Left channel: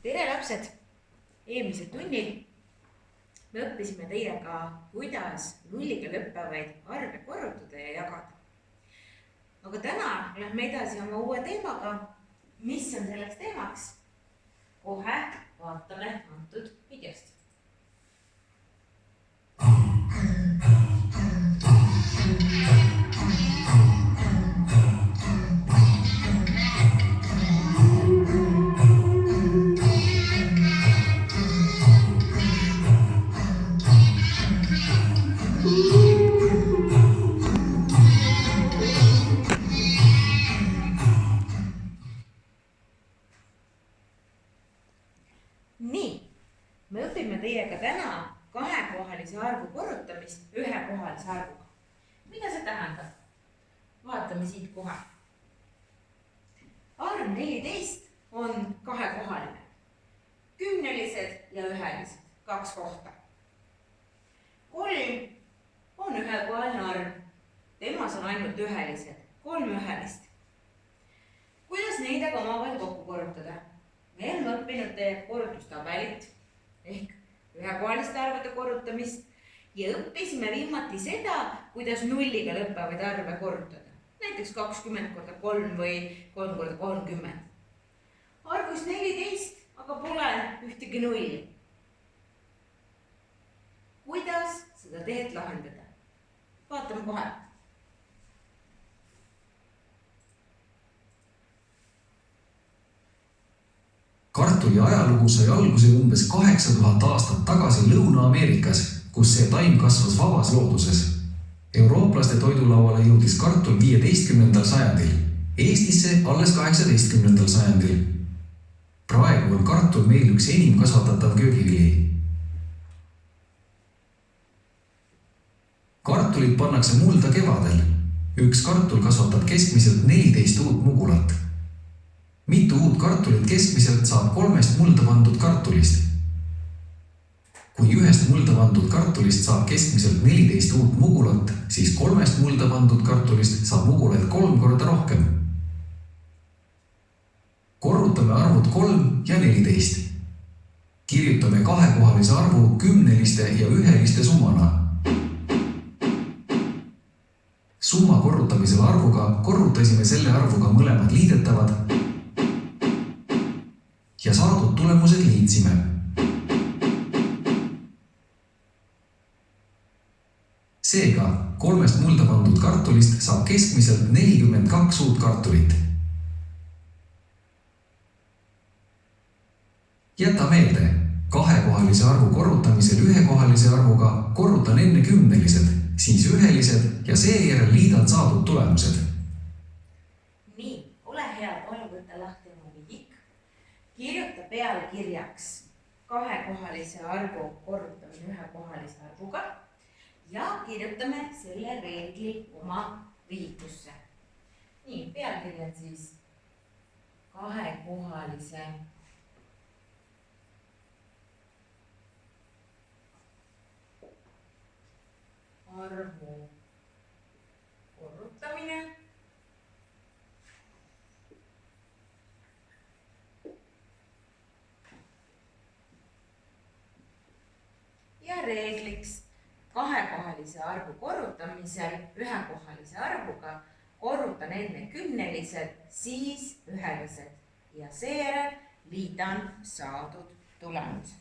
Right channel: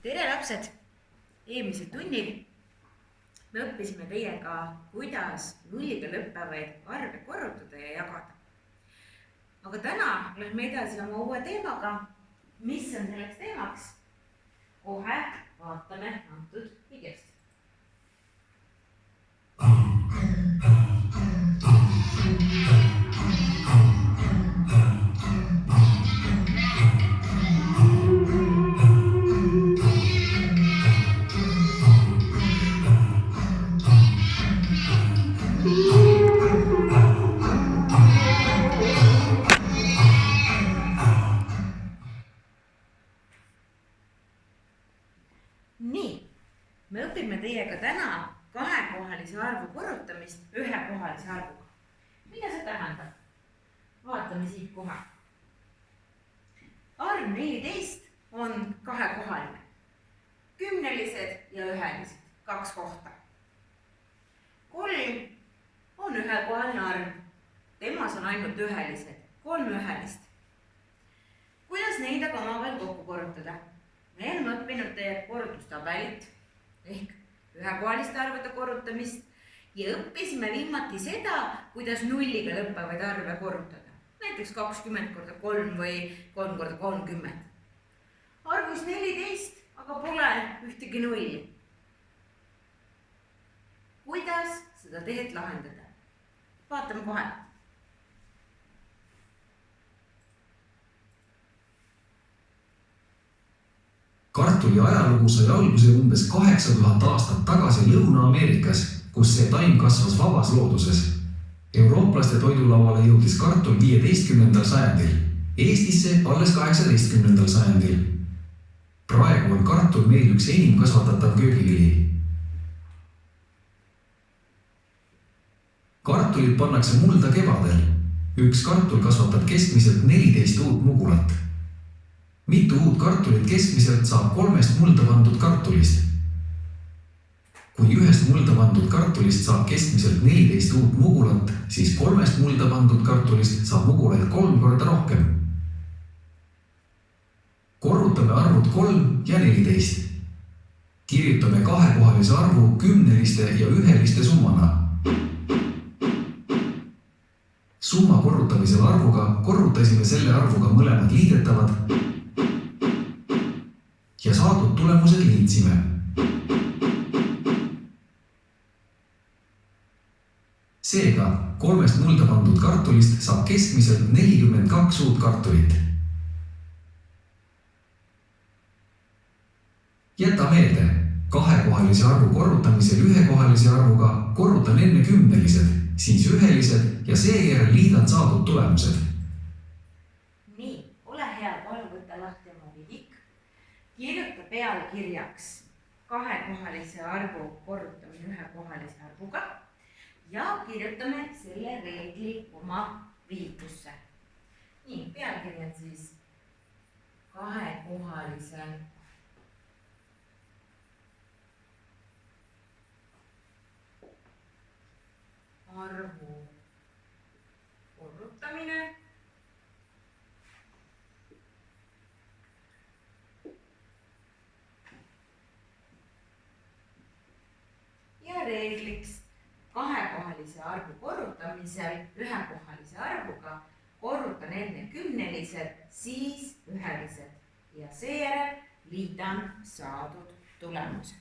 Tere lapsed! Eelmisel tunnil me õppisime teiega, kuidas nulliga lõppevaid arve korrutada ja jagada. Aga täna lähme edasi oma uue teemaga. Mis on selleks teemaks? Kohe vaatame antud videost. Nii, me õpime teiega täna kahekohalise arvu korrutamist ühekohalise arvuga. Mida see tähendab? Vaatame siit kohe. Arv 14 on kahekohaline. Kümnelised ja ühelised, 2 kohta. 3 on ühekohaline arv. Temas on ainult ühelised, 3 ühelist. Kuidas neid aga omavahel kokku korrutada? Me oleme õppinud korrutustabelit ehk ühekohaliste arvude korrutamist ja õppisime viimati seda, kuidas nulliga lõppevaid arve korrutada. Näiteks 20 korda 3 või 3 korda 30. Arvus 14, aga pole ühtegi nulli. Kuidas seda tehet lahendada? Vaatame kohe. Kartuli ajalugu sai alguse umbes 8000 aastat tagasi Lõuna-Ameerikas, kus see taim kasvas vabas looduses. Eurooplaste toidulauale jõudis kartul 15. sajandil, Eestisse alles 18. sajandil. Praegu on kartul meil üks enim kasvatatav köögivili. Kartulit pannakse mulda kevadel. Üks kartul kasvatab keskmiselt 14 uut mugulat. Mitu uut kartulit keskmiselt saab 3 mulda pandud kartulist. Kui 1 mulda pandud kartulist saab keskmiselt 14 uut mugulat, siis 3 mulda pandud kartulist saab mugulaid 3 korda rohkem. Korrutame arvud 3 ja 14. Kirjutame kahekohalise arvu kümneliste ja üheliste summana. Summa korrutamisel arvuga korrutasime selle arvuga mõlemad liidetavad ja saadud tulemused liitsime. Seega 3 mulda pandud kartulist saab keskmiselt 42 uut kartulit. Jäta meelde, kahekohalise arvu korrutamisel ühekohalise arvuga korrutan enne kümnelised, siis ühelised ja seejärel liidan saadud tulemused. Nii, ole hea, palun võtta lahti oma vidik. Kirjuta pealkirjaks kahekohalise arvu korrutamine ühekohalise arvuga ja kirjutame selle reegli oma vihikusse. Nii, pealkiri on siis kahekohalise arvu korrutamine ja reegliks kahekohalise arvu korrutamisel ühekohalise arvuga korrutan enne kümnelised, siis ühelised ja seejärel liidan saadud tulemused.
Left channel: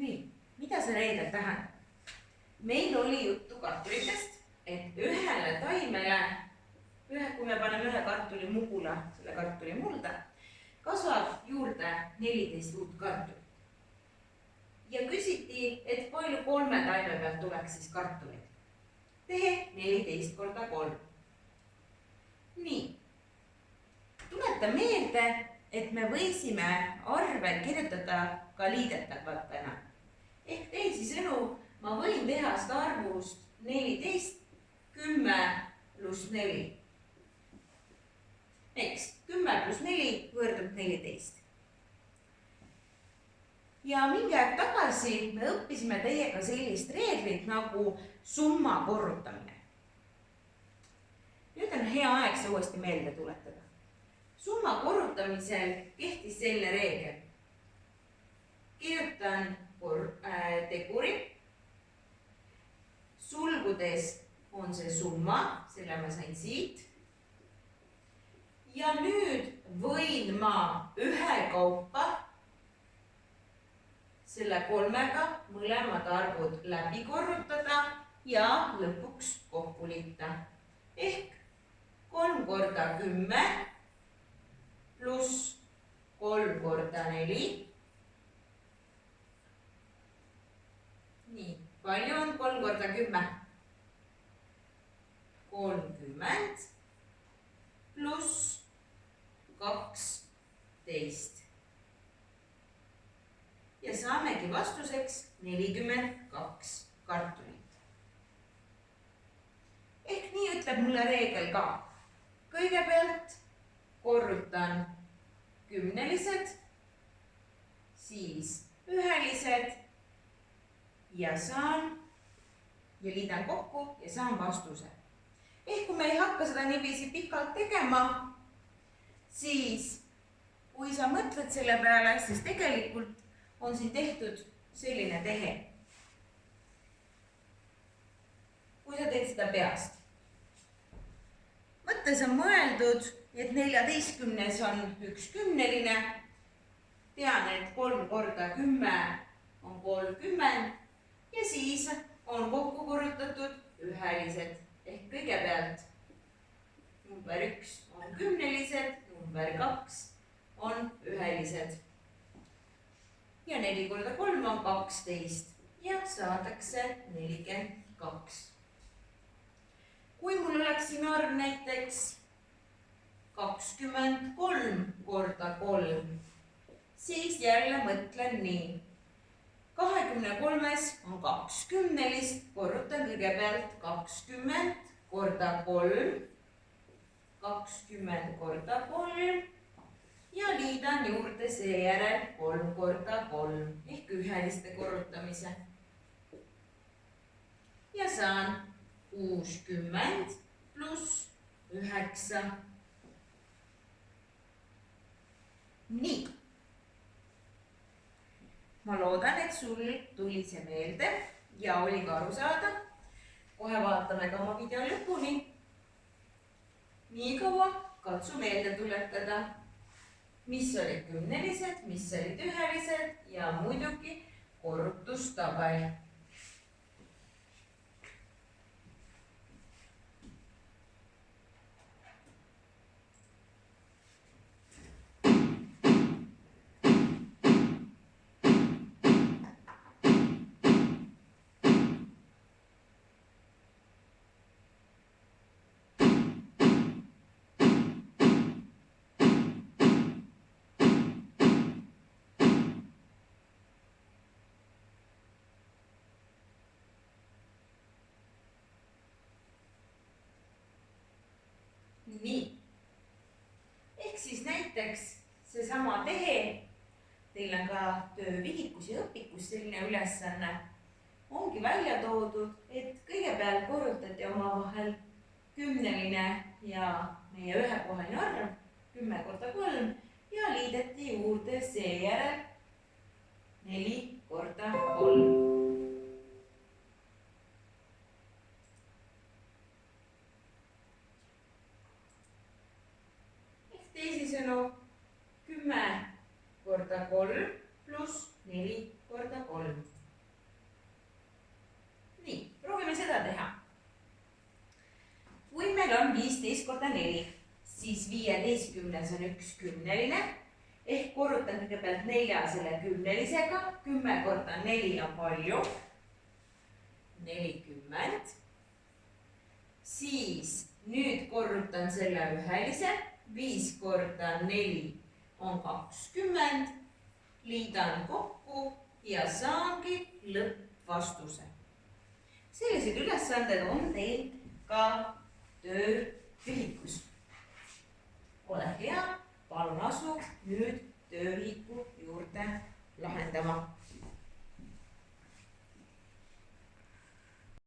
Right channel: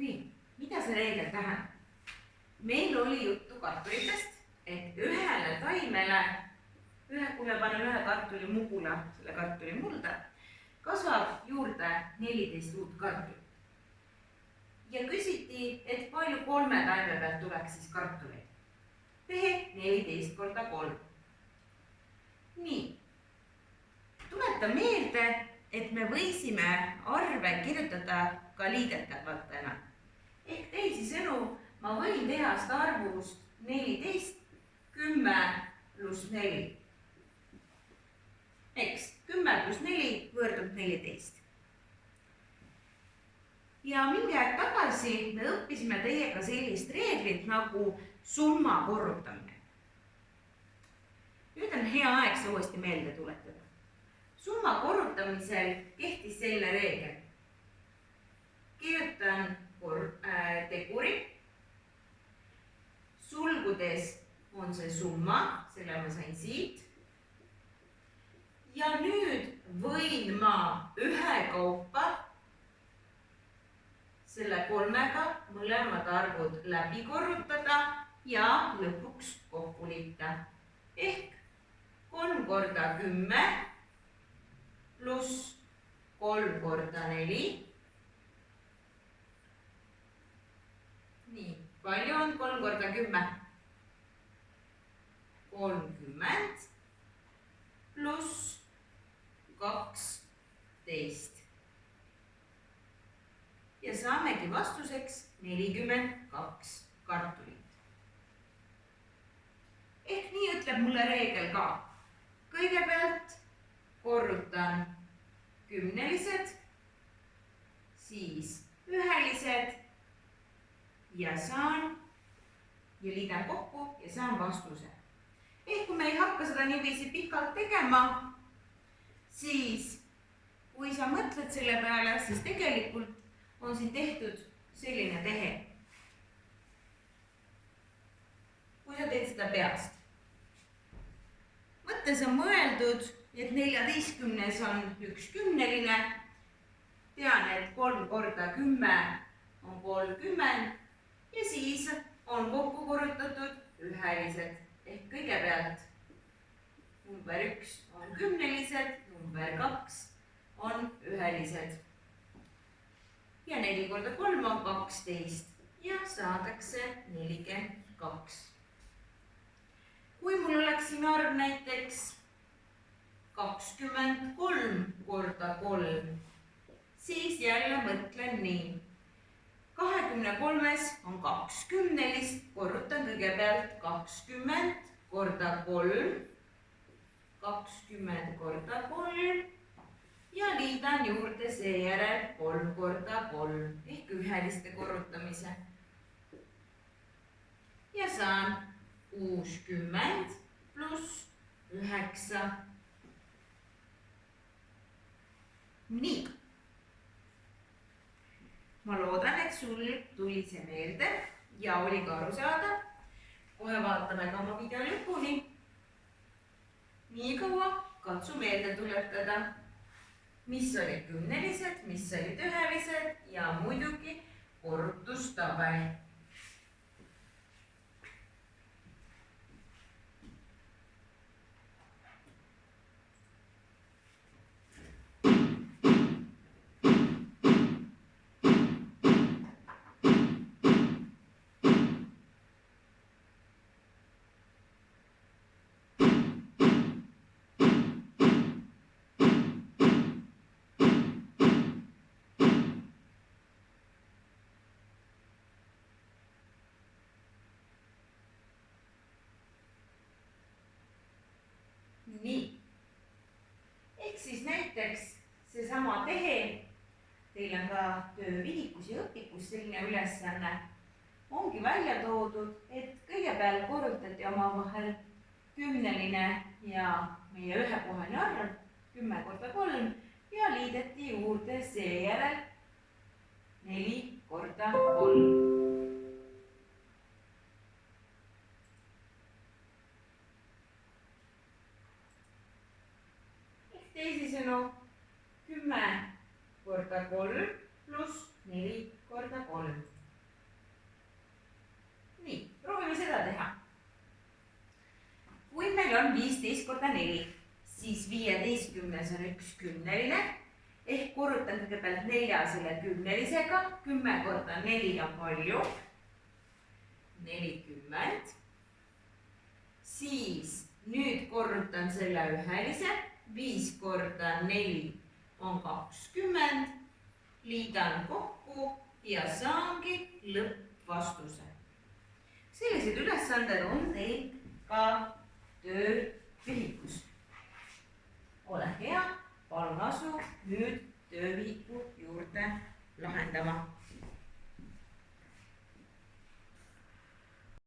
Nii, mida see reegel tähendab? Meil oli juttu kartulitest, et ühele taimele, kui me paneme ühe kartuli mugula, selle kartuli mulda, kasvab juurde 14 uut kartulit. Ja küsiti, et palju 3 taime pealt tuleks siis kartuleid. Tehe 14 korda 3. Nii, tuleta meelde, et me võisime arve kirjutada ka liidetavatena. Ehk teisisõnu, ma võin teha seda arvust 14, 10 pluss 4. Eks 10 pluss 4 võrdub 14. ja mingi aeg tagasi me õppisime teiega sellist reeglit nagu summa korrutamine. Nüüd on hea aeg see uuesti meelde tuletada. Summa korrutamisel kehtis selline reegel. Kirjutan teguri. Sulgudes on see summa, selle ma sain siit. Ja nüüd võin ma ühekaupa selle 3-ga mõlemad arvud läbi korrutada ja lõpuks kokku liita. Ehk 3 korda 10 pluss 3 korda 4. Nii, palju on 3 korda 10? 30 pluss 12. Ja saamegi vastuseks 42 kartulit. Ehk nii ütleb mulle reegel ka. Kõigepealt korrutan kümnelised, siis ühelised ja liidan kokku ja saan vastuse. Ehk kui me ei hakka seda niiviisi pikalt tegema, siis kui sa mõtled selle peale, siis tegelikult on siin tehtud selline tehe. Kui sa teed seda peast. Mõttes on mõeldud, et 14 on üks kümneline. Tean, et 3 korda 10 on 30 ja siis on kokku korrutatud ühelised. Ehk kõigepealt number 1 on kümnelised, number 2 on ühelised. Ja 4 korda 3 on 12 ja saadakse 42. Kui mul oleks siin arv näiteks 23 korda 3, siis jälle mõtlen nii. 23 on 2 kümnelist, korrutan kõigepealt 20 korda 3, 20 korda 3 ja liidan juurde seejärel 3 korda 3 ehk üheliste korrutamise. Ja saan 60 pluss 9. Nii. Ma loodan, et sul tuli see meelde ja oli ka aru saada. Kohe vaatame ka oma video lõpuni. Nii kaua katsu meelde tuletada, mis olid kümnelised, mis olid ühelised ja muidugi korrutustabel. Nii. Ehk siis näiteks seesama tehe, teil on ka töövihikus ja õpikus selline ülesanne, ongi välja toodud, et kõigepealt korrutati omavahel kümneline ja meie ühekohaline arv 10 korda 3 ja liideti juurde seejärel 4 korda 3. Teisisõnu 10 korda 3 pluss 4 korda 3. Nii, proovime seda teha. Kui meil on 15 korda 4, siis 15 on üks kümneline. Ehk korrutan kõigepealt 4 selle kümnelisega. 10 korda 4 on palju. 40. Siis nüüd korrutan selle ühelise. 5 korda 4 on 20, liidan kokku ja saangi lõppvastuse. Sellised ülesanded on teil ka töövihikus. Ole hea, palun asu nüüd töövihiku juurde lahendama